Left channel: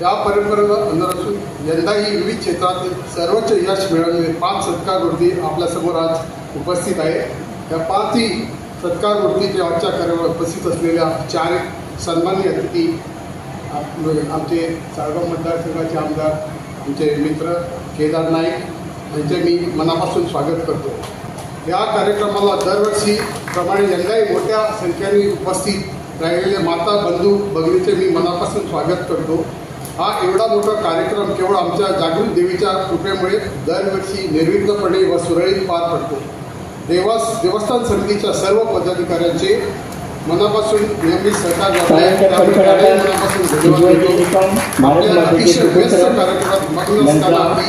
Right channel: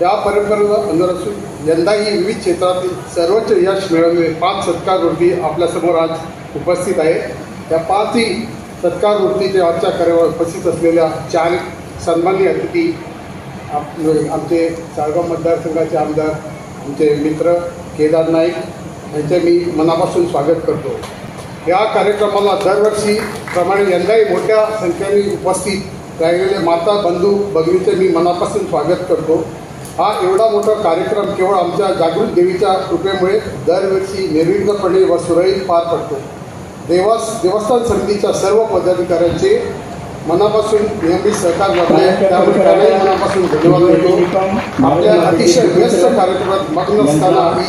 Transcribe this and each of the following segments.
त्या परंपरेवर अनुर असून यंदाही विविध क्षेत्रातील सर्वोच्च यश मिळवलेले 5 सत्कारवृत्ती आपल्यासमोर आज उपस्थित आहेत. त्या 5ही सत्कारवृत्तीच्या आजच्या कार्यक्रमात उपस्थित असलेल्या 4 सन्माननीय अतिथी आमचे चाळगाव मतदारसंघाचे आमदार आमचे मित्र केदार नाईक यांचे मी मनापासून स्वागत करतो. या कार्यक्रमाला दरवर्षी प्रमाणे यंदाही मोठ्या संख्येने उपस्थित राहिलेले माता बंधू भगिनीचे मी मनापासून स्वागत करतो. हा एवढा मोठा कार्यक्रम केवळ आमच्या जागृत देवीच्या कृपेमुळे दरवर्षी निर्विघ्नपणे व सुरळीत पार पडतो. देवस्थान समितीच्या सर्व पदाधिकाऱ्यांचे मनापासून नियमित सहकार लाभले मनापासून धन्यवाद देतो. आपल्या अतिशय व्यस्त कार्यक्रमात मग्न असताना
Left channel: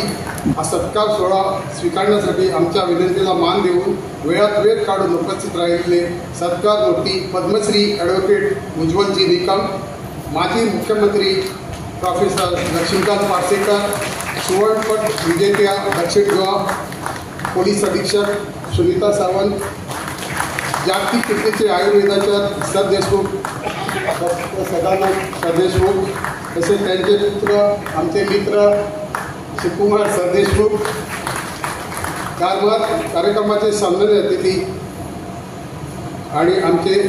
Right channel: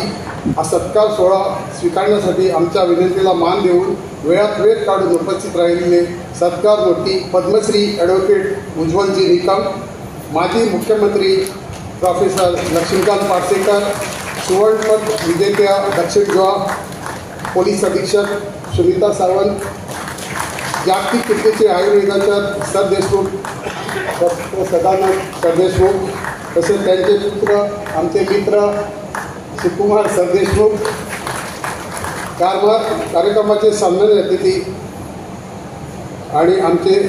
हा सत्कार सोहळा स्वीकारण्यासाठी आमच्या विनंतीला मान देऊन वेळात वेळ काढून उपस्थित राहिलेले सत्कारमूर्ती पद्मश्री ॲडव्होकेट उज्ज्वलजी निकम, माजी मुख्यमंत्री प्रोफेसर लक्ष्मीकांत पार्सेकर, सुवर्णपदक विजेत्या दक्षिण गोवा पोलीस अधीक्षक सुनीता सावंत, जागतिक कीर्तीचे आयुर्वेदाच्या सरदेशमुख सदानंद सरदेशमुख, तसेच त्यांचे पुत्र आमचे मित्र शिवकुमार सरदेशमुख, कार्यक्रमाचे सन्माननीय अतिथी आणि आमचे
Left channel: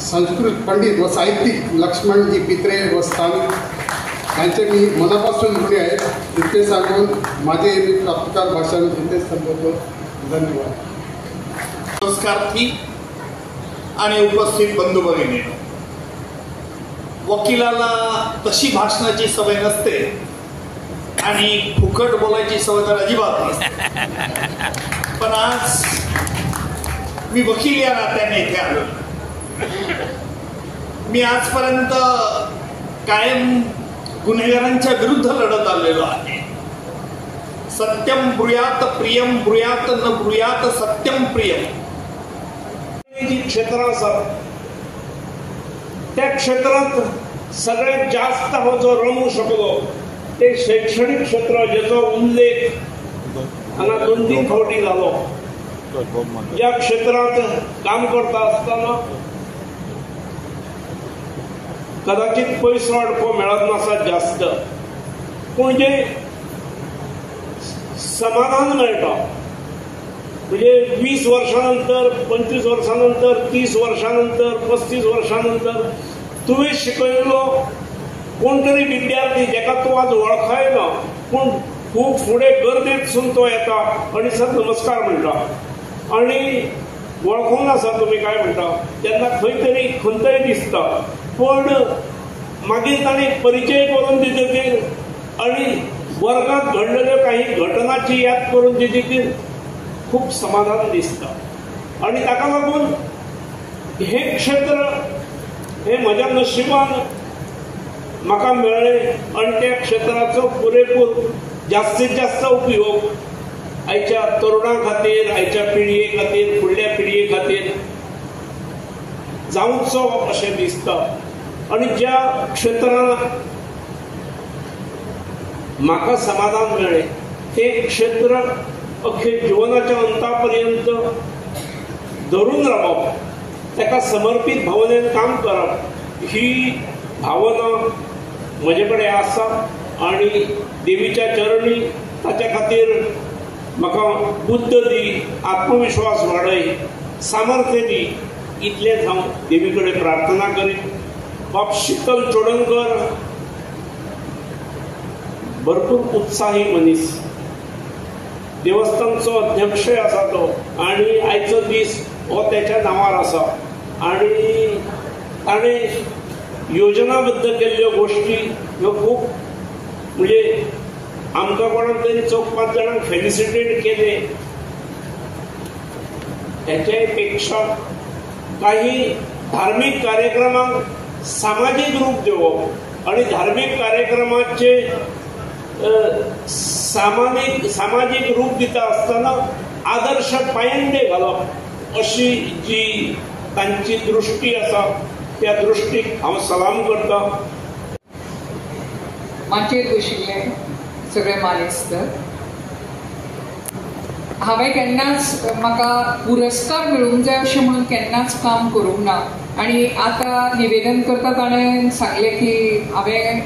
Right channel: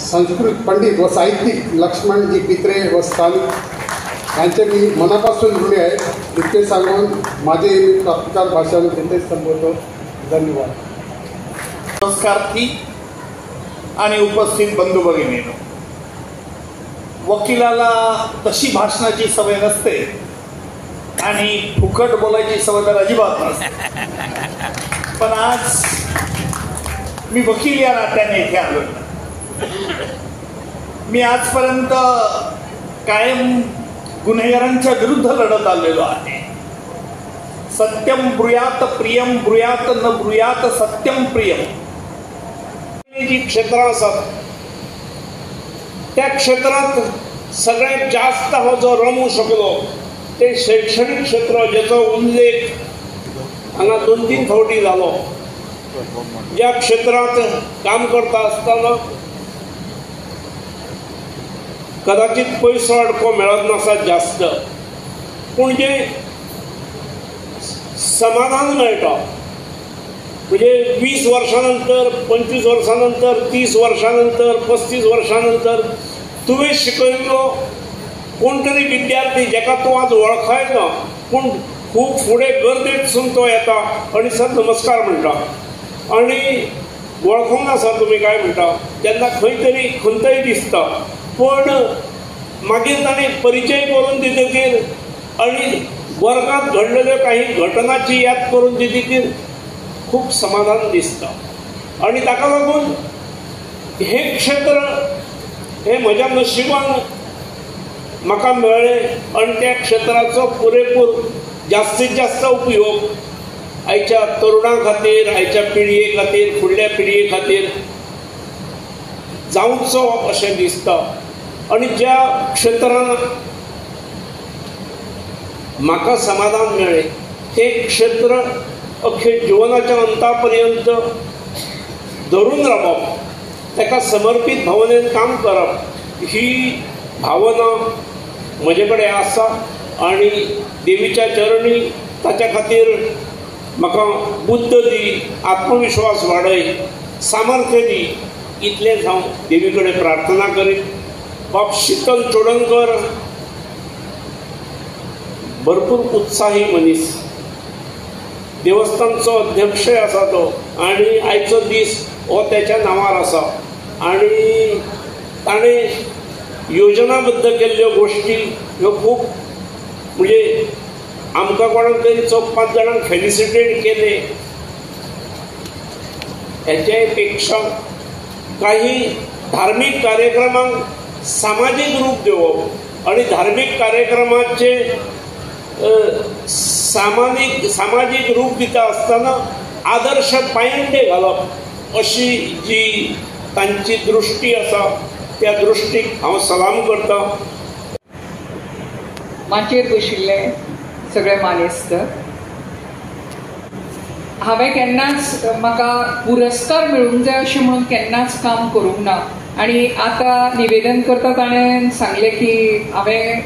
संस्कृत पंडित व साहित्यिक लक्ष्मणजी पित्रे व स्थानिक यांचे मी मनापासून ऋणी आहे. इतके सांगून माझे मी प्राप्तिकार भाषण इथेच संपवतो. धन्यवाद. नमस्कारार्थी आणि उपस्थित बंधू भगिनी, वकिलाला तशी भाषणाची सवय नसते आणि फुकट बोलायची सवय तर अजिबात नसते. पण आज मी वकील या नात्याने इथे आलो. मी आजपर्यंत कायम गुन्हेगारांच्या विरुद्ध लढत आलेलो आहे. सत्यम ब्रूयात प्रियम ब्रूयात न ब्रूयात सत्यम प्रियम. जी क्षेत्र असतात त्या क्षेत्रात सगळ्यात जास्त जो रमू शकलो ते शैक्षणिक क्षेत्र, ज्याचा उल्लेख आणि 2-3 कोटी झालो. ज्या क्षेत्रात काम करता असताना कदाचित पैसा अडको मिळत नसत जास्त, पण जे समाधान मिळतं म्हणजे 20 वर्षानंतर 25 वर्षानंतर 30 वर्षानंतर 35 वर्षानंतर तुम्ही शिकवलो कोणतरी विद्यार्थी ज्याका तो आज ओळखायला पण खूप पुढे गर्दीत सुनतो येता आणि सर नमस्कार म्हणता आणि ओळखून असा तुम्ही काय म्हणता त्यांना खंयतरी खंतही दिसता, पण मागीर ताणें परिचय करून दितकीर आणि वर्गात घडलेल्या काही घटनाची याद करून दितकीर खूप समाधान दिसतं. आणि ताका लागून हे क्षेत्र हे म्हज्या नशिबान म्हाका मेळ्ळें आणि त्या क्षेत्राचो पुरेपूर जास्तीत जास्त उपयोग आयच्या तरुणां खातीर, आयच्या पिळये खातीर, फुडल्या पिळये खातीर जावचो अशें दिसता. आणि ज्या क्षेत्रान म्हाका समाधान मेळ्ळें ते क्षेत्र अख्खे जिवनाच्या अंतापर्यंत धरून रावप, ताका समर्पित भावनेन काम करप ही भावना म्हजे कडेन आसा. आणि देवीच्या चरणी ताच्या खातीर म्हाका बुद्ध दी, आत्मविश्वास वाडय, सामर्थ्य दी, इतलेंच हांव देवी कडेन प्रार्थना करीत. बाब शीतल चोडणकर भरपूर उत्साही मनीस, देवस्थानचो अध्यक्ष आसा तो आणि आयचो दीस हो त्याच्या नांवार आसा. आणि ताणें योजनाबद्ध केल्ल्यो गोश्टी ह्यो खूब म्हणजे आमकां कोणाक तरी 4-5 जाणांक फेलिसिटेट केले. हेचे पेक्षा काही धार्मीक कार्यक्रमांक सामाजिक रूप दिवप आणि धार्मीक कार्यक्रमाचे सामाजिक रूप दिता आसतना आदर्श पायंडे घालप अशी जी तांची दृष्टी आसा त्या दृष्टीक हांव सलाम करता. माचयेर बशिल्ले सगळे मानेस्त, हांवें केन्नाच म्हाका पुरस्कार मेळूंक जाय अशें म्हणून केन्नाच काम करूंक ना. आणि आतां निवेदन करता ताणें सांगलें की हांवें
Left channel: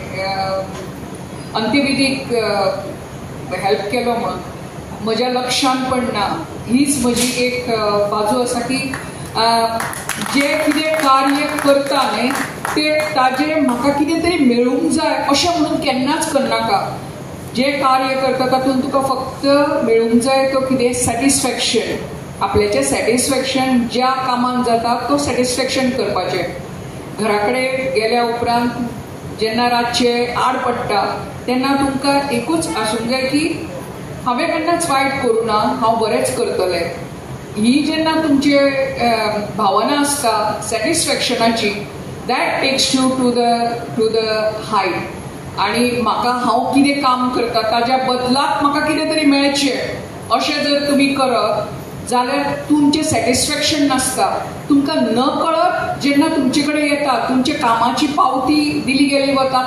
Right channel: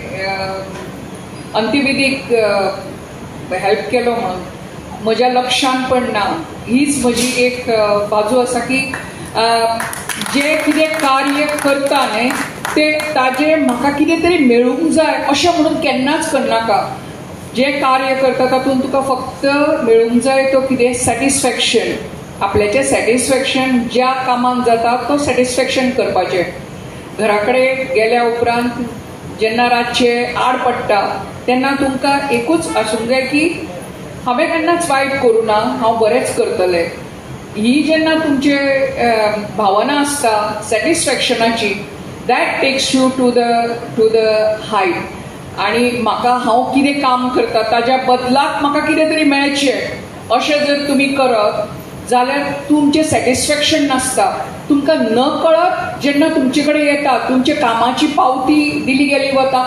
अंत्यविधीक हेल्प केलो म्हणून म्हज्या लक्षांत पडना. हीच म्हजी एक बाजू आसा की जे कितें कार्य करता न्हय ते ताजे म्हाका कितें तरी मेळूंक जाय अशें म्हणून केन्नाच करनाका. जे कार्य करता तातूंत तुका फक्त मेळूंक जाय तो कितें सॅटिस्फॅक्शन, आपल्याचें सॅटिस्फॅक्शन ज्या कामाक जाता तो सॅटिस्फॅक्शन करपाचें. घरा कडेन गेल्या उपरांत जेन्ना रातचे आड पडटा तेन्ना तुमकां एकूच आसूंक जाय की हांवें केन्नाच वायट करूं ना, हांव बरेंच करतलें. ही जेन्ना तुमचे भावना आसता सॅटिस्फॅक्शनाची, that takes you to the height. आनी म्हाका हांव कितें काम करता ताज्या बदलाक म्हाका कितें तरी मेळचें अशें जर तुमी करत जाल्यार तुमचें सॅटिस्फॅक्शन नासता. तुमकां न कळत जेन्ना तुमचे कडेन येता, तुमच्या कामाची पावती दिली गेली वता,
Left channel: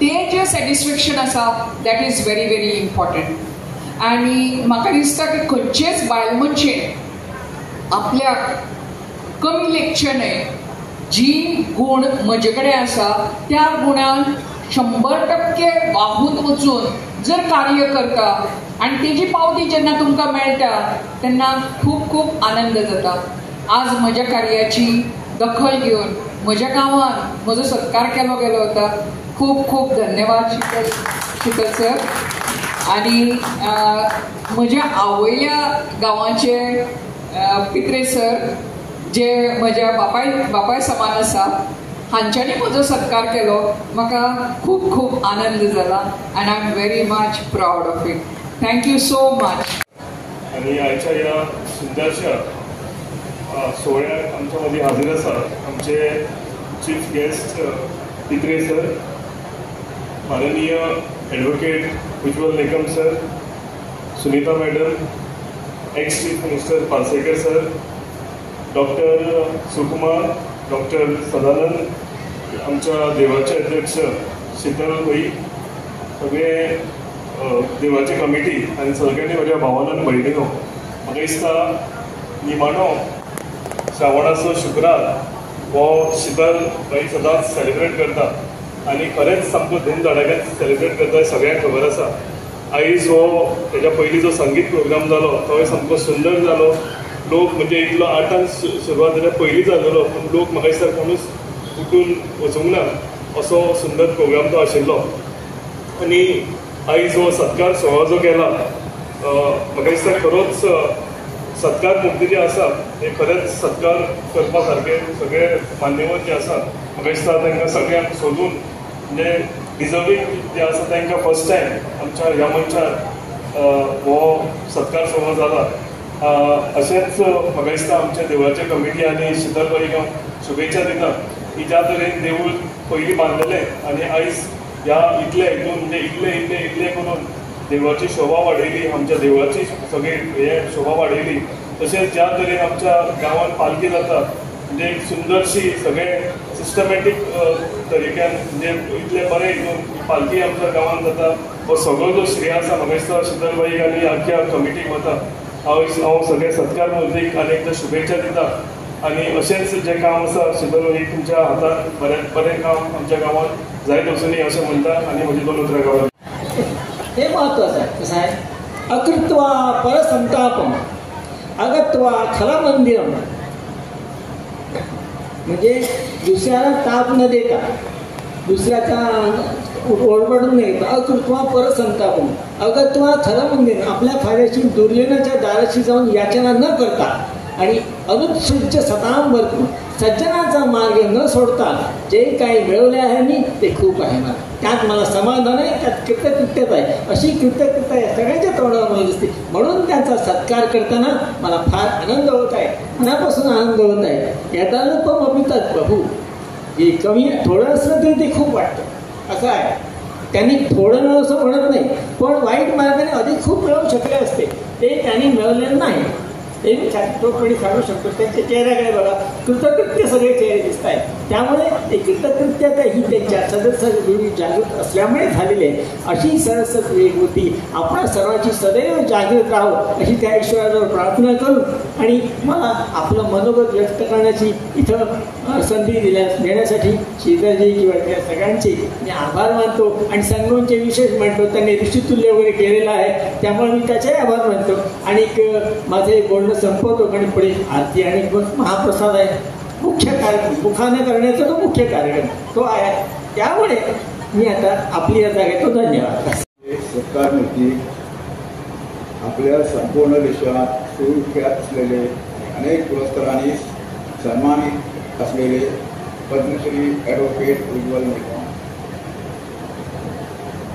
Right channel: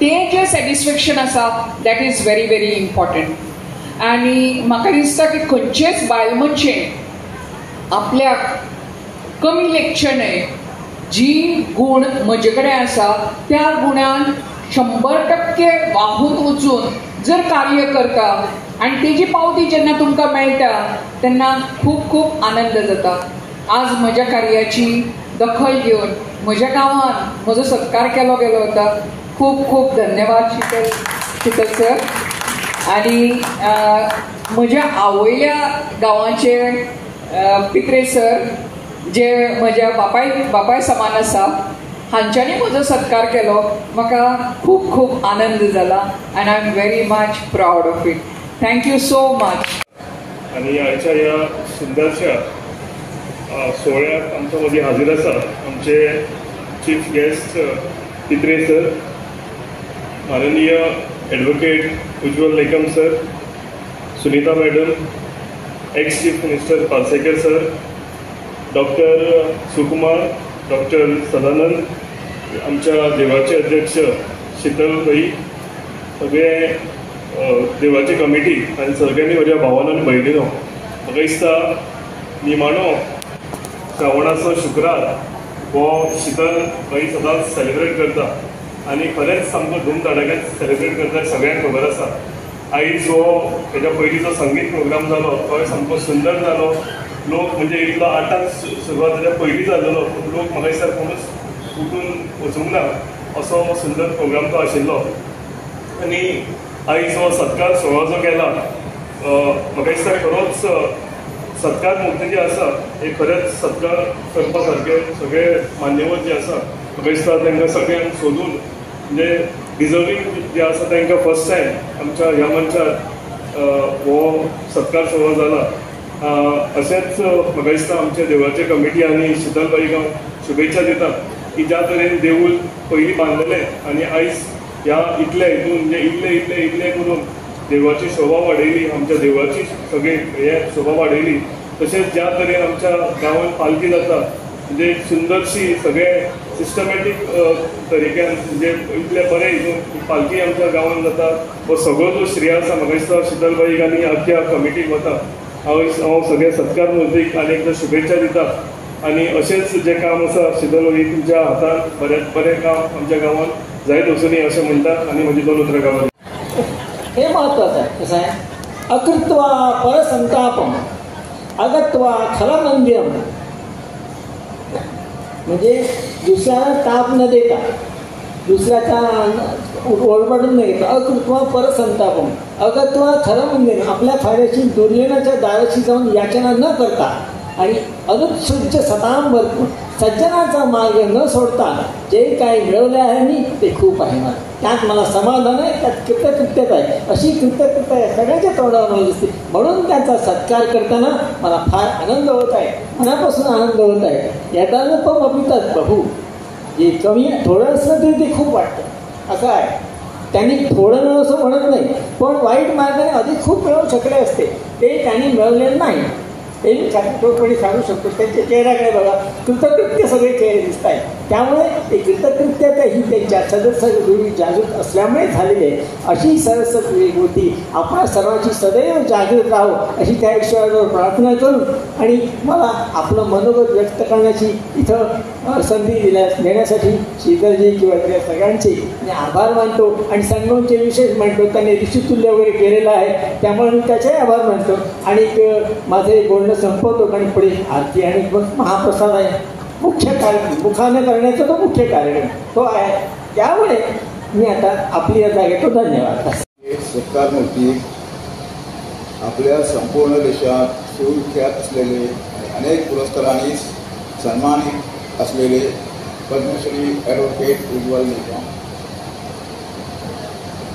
तें जें सॅटिस्फॅक्शन आसा that is very very important. आनी म्हाका दिसता की खंयचेच बायल मनशेन आपल्याक कमी लेखचे न्हय. जी गूण म्हजे कडेन आसा त्या गुणान 100% वाहून वचून जर कार्य करता आनी तेजी पावती जेन्ना तुमकां मेळटा तेन्ना खूब खूब आनंद जाता. आज म्हज्या कार्याची दखल घेवन म्हज्या गांवान म्हजो सत्कार केलो गेलो वता. खूब खूब धन्यवाद शीतल सर. आनी म्हज्या आवयल्या गांवाचे पित्रे सर जे म्हज्या बापाय समान आसा, हांच्यांनी म्हजो सत्कार केलो. म्हाका खूब खूब आनंद जाला and I am very much proud of it. Thank you so much. आणि आयच्या ह्या सुंदरशा सोहळ्याक आमच्या मदीं हाजीर आसा आमचे चीफ गेस्ट पित्रे सर, माननीय advocate Ujjwal Nikam sir, Sunita madam, ex chief minister Parsekar sir, doctor Sukumar, doctor Sadanand, आमच्या देवाचे अध्यक्ष शीतल भाई, सगळे देवाची कमिटी आनी सगळ्यांनी म्हज्या भावान आनी भयणीनो, म्हाका दिसता निमाणो श्रावणाचो शुक्रार हो शीतल भाई सदांच सेलिब्रेट करता आनी खरेंच सामको धूमधडाक्यात सेलिब्रेट करता सगळ्यांक खबर आसा. आयज हो हेच्या पयलींचो संगीत प्रोग्राम जालो तो सामको सुंदर जालो. लोक म्हणजे इतलो 8 सुरवात जाल्या पयलीं जालेलो पूण लोक म्हाका दिसता कोणूच उठून वचूंक ना असो सुंदर प्रोग्राम तो आशिल्लो. आनी आयज हो सत्कार सोहळो जो केला म्हाका दिसता खरोच सत्कार मुक्त जे आसा हे खरेंच सत्कार करपा सारके सगळे मान्यवर जे आसा म्हाका दिसता तांकां सगळ्यांक सोदून म्हणजे डिजर्वींग जे आसा तांकां फर्स्ट टायम आमच्या ह्या मनशाक हो सत्कार सोहळो जाला. अशेंच म्हाका दिसता आमच्या देवळाचे कमिटी आनी शीतलबाईक शुभेच्छा दिता की ज्या तरेन देवूळ पयलीं बांदलेलें आनी आयज ह्या इतल्या हितून म्हणजे इतले करून देवळाची शोभा वाडयली, आमच्या देवळाची सगळी हे शोभा वाडयली. तशेंच ज्या तरेन आमच्या गांवांत पालखी जाता म्हणजे एक सुंदरशी सगळे सिस्टमॅटीक तरिक्यान म्हणजे इतले बरे हितून पालखी आमच्या गांवांत जाता. हो सगळो जो श्रेय आसा म्हाका दिसता शीतलबाईक आनी आख्या कमिटीक वता. हांव सगळे सत्कार मुर्तीक आनी एकदां शुभेच्छा दिता. आनी अशेंच जें काम आसा शीतलबाई तुमच्या हातांत बरें काम आमच्या गांवांत जायत वचूनी अशें म्हणटा आनी म्हजी 2 उतरां गांवांत. हे महत्वाचं आहे. कसं आहे, अकृत्वा परसंतापम अगत्वा खलमंदिरम, म्हणजे दुसऱ्याला ताप न देता, दुसऱ्याचा ओरबाडून न येता, अकृत्वा परसंतापम अगत्वा खलमंदिरम, आपल्या फायद्याची दुर्योधनाच्या दाराशी जाऊन याचना न करता आणि अनुत्सुक सताम भरपूर सज्जनाचा मार्ग न सोडता जे काही मिळवले आहे मी ते खूप आहे मला, त्यात मला समाधान आहे, त्यात कृतकृत्यता आहे. अशी कृतज्ञता आहे सगळ्यांच्या तोंडावर माहीत असते. म्हणून त्यांचा सत्कार करताना मला फार आनंद होत आहे, मनापासून आनंद होत आहे. यदानुपमपितात प्रभू, जे कमी थोडं असलं तरी ते खूप वाटतं. असं आहे, त्यांनी थोडं न असं म्हणत नाही, पण वाईट मार्गाने अधिक खूप मिळवू शकले असते, ते त्यांनी मिळवलेलं नाही. हे मी खात्रीपूर्वकपणे सांगू शकतो. त्यांच्या चेहऱ्याकडे बघा, कृतकृत्य सगळे चेहरे दिसत आहेत. त्यामुळे एकत्रित्या ही त्यांच्या सदस्य जागृत असल्यामुळे झालेली आहे. अशी सरस्वती होती. आपणा सर्वांची सदैव जागृत राहो अशी त्या ईश्वराजवळ प्रार्थना करून आणि मला आपलं मनोगत व्यक्त करण्याची इथं संधी देण्यासाठी श्रीधरजी किंवा त्या सगळ्यांचे मी आभार मानतो आणि संगमचे विशेष मानतो. त्यांनी ऋषितुल्य वगैरे केलेलं आहे त्यामुळे मी त्याचे आभार मानतो. आणि माझे बोलणं संपवतो आणि पुढे आरती आणि महाप्रसाद आहे. मुख्य कार्यक्रम मुखाने करण्याचा तो मुख्य कार्यक्रम तो आहे. त्यामुळे मी आता आपली रजा घेतो. धन्यवाद. सत्कार मूर्ती आपल्या संपूर्ण देशात सुविख्यात असलेले अनेक पुरस्कारांनी सन्मानित असलेले पद्मश्री ॲडव्होकेट उज्ज्वल निकम,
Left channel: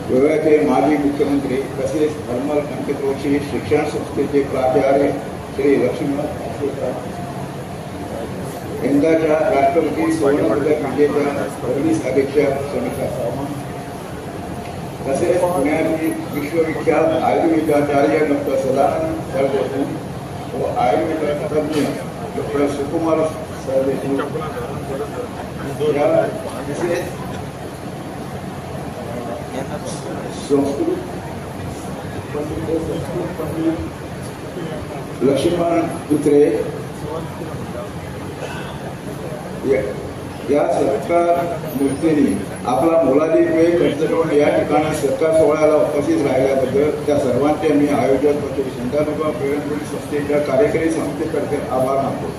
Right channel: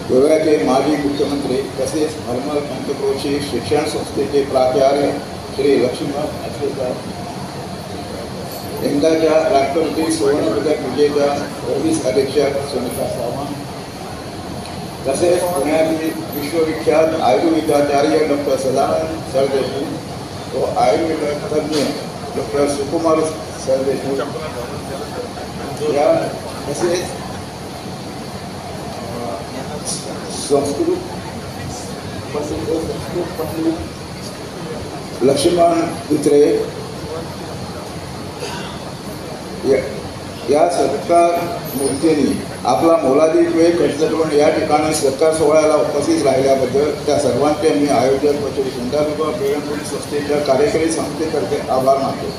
गोव्याचे माजी मुख्यमंत्री तसेच हरमल कंकतोची शिक्षण संस्थेचे प्राचार्य श्री लक्ष्मण अश्वकर, यंदाच्या राष्ट्रपती सुवर्णपदक विजेत्या पोलीस अधीक्षक सुनीता सावंत, तसेच पुण्यातील विश्वविख्यात आयुर्वेदाचार्य डॉक्टर सदानंद सरदेशमुख व आयुर्वेद तज्ज्ञ डॉक्टर सुकुमार सरदेशमुख, तसेच संस्कृत पंडित लक्ष्मण दुसरे या सत्कार मूर्तींनी आपला मोलादिक वेळ खर्च करून या ठिकाणी सत्कार सोहळ्याला उपस्थित राहिल्याबद्दल त्या सर्वांचे मी आयोजक व संचालक व प्रेरणा संस्थेच्या कार्यकारी समितीतर्फे आभार मानतो.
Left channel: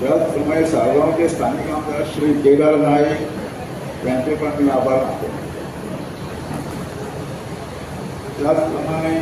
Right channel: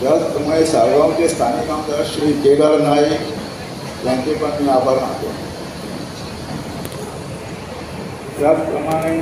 त्याचप्रमाणे साळगावचे स्थानिक आमदार श्री केदार नाईक यांचे पण मी आभार मानतो. त्याचप्रमाणे